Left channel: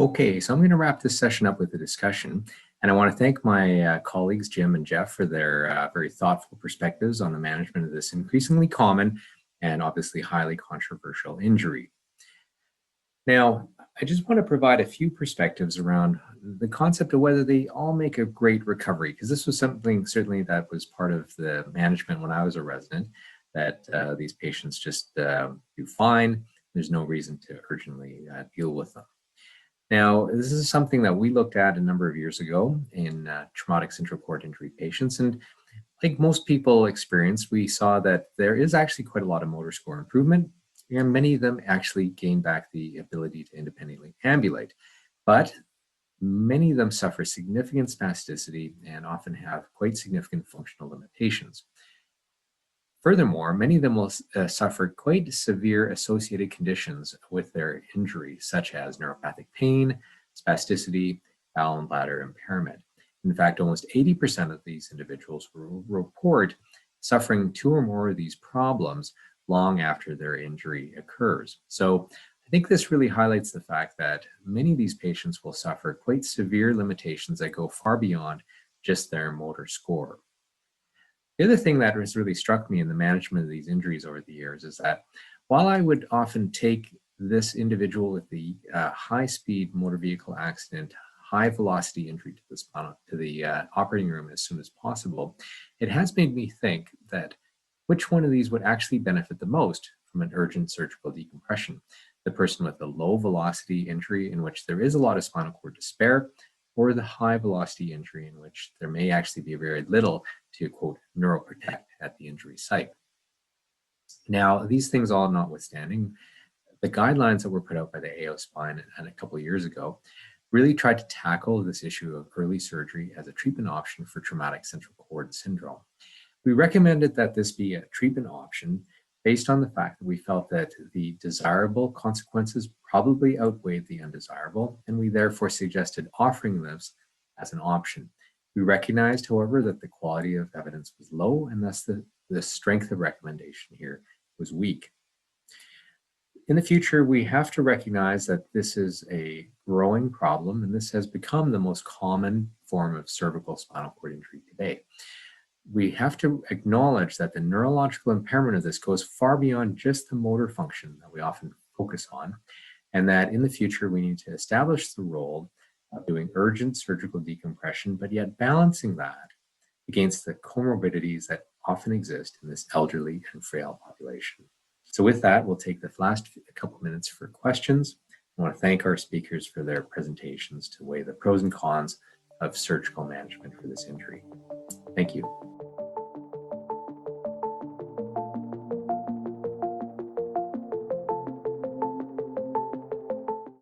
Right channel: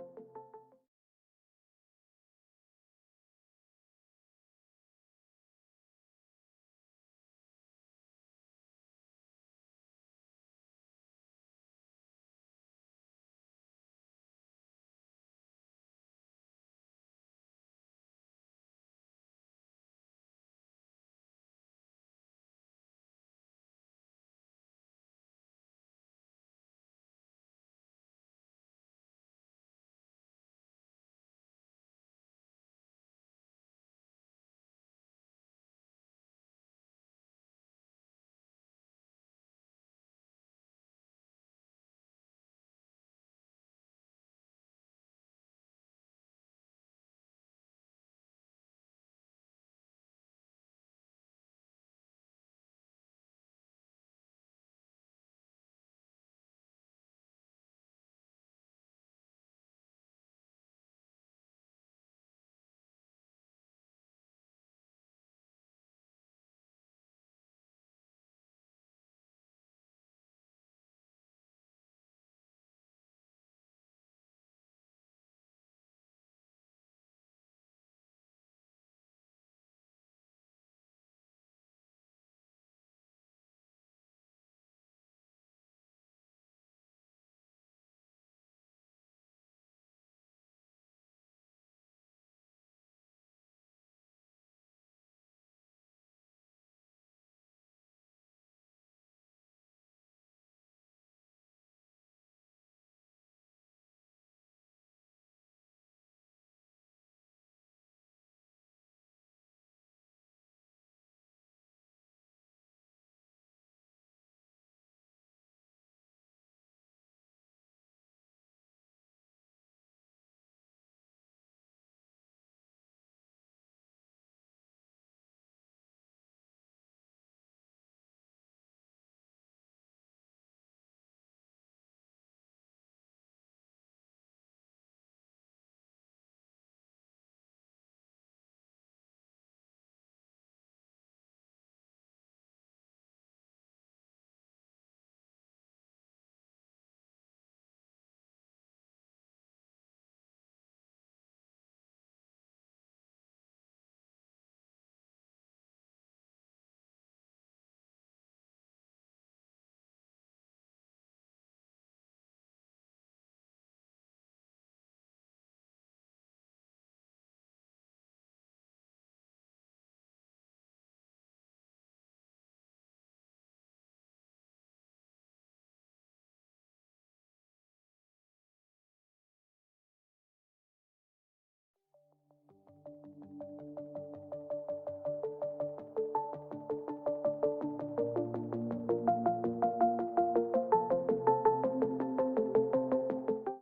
Okay, so I'm going to wrap this session up with a discussion, and I want to thank my colleagues Jim and Jeff for their very thoughtful perspectives on the management of this increasingly common and obviously highly controversial injury. Now, I just want to provide a few perspectives around the concept of whether they all make a great recovery, because this was something certainly that was part of the management when I was a resident, that these patients just do fine. There's no reason to urgently deal with them. Now, this is something that we looked at a number of years ago in traumatic central cord injury patients. And like most people experience, we saw that there is actually quite a lot of motor score improvement, and many of them actually gain back the ability to independently ambulate. But many of them suffer significant spasticity and often have quite significant functional limitations. Furthermore, many of them will suffer quite severe associated conditions with their injury, such as neuropathic pain, spasticity, bowel and bladder impairment. In fact, almost 80% of these individuals will report suffering two or more of these problems long after their injury occurs. So I think this really highlights the fact that many of these patients will suffer quite severe limitations that go far beyond just their motor score. The other thing that has really struck me in the management of these injuries over the years is that while I would often take this individual with the high-speed motor vehicle accident, high-velocity injury to the spinal, to the operating room as soon as possible, it has made me think that which one of these would actually benefit the most from an urgent surgical decompression. The person with the low-velocity injury in which there is a lot of spinal cord to spare, or the high velocity injury in which there may actually be very little to, quote, neuroprotect at the injury site. Now, these things all notwithstanding, the guidelines that were put out by the AO Spine and a couple of years ago really tried to tackle this issue of early surgery as a treatment option for traumatic central cord syndrome. We recommended that this be a treatment option based on the fact that we felt that the desirable consequences probably outweighed the undesirable, and we therefore suggested offering this as an option. We recognized, however, that the quality of evidence was low, and thus the strength of recommendation here was weak. In the future, we have to recognize that this is a growing problem, and this has become the most common form of cervical spinal cord injury today. We have to acknowledge that the neurological impairment of this goes far beyond just the motor function that we often focus on, and that in the future we need to establish the role of doing urgent surgical decompression, but yet balancing that against the comorbidities that often exist in this elderly and frail population. So with that, we'll take the last couple minutes for questions. I want to thank our speakers for their presentations to weigh the pros and cons of surgical management for this injury. Thank you.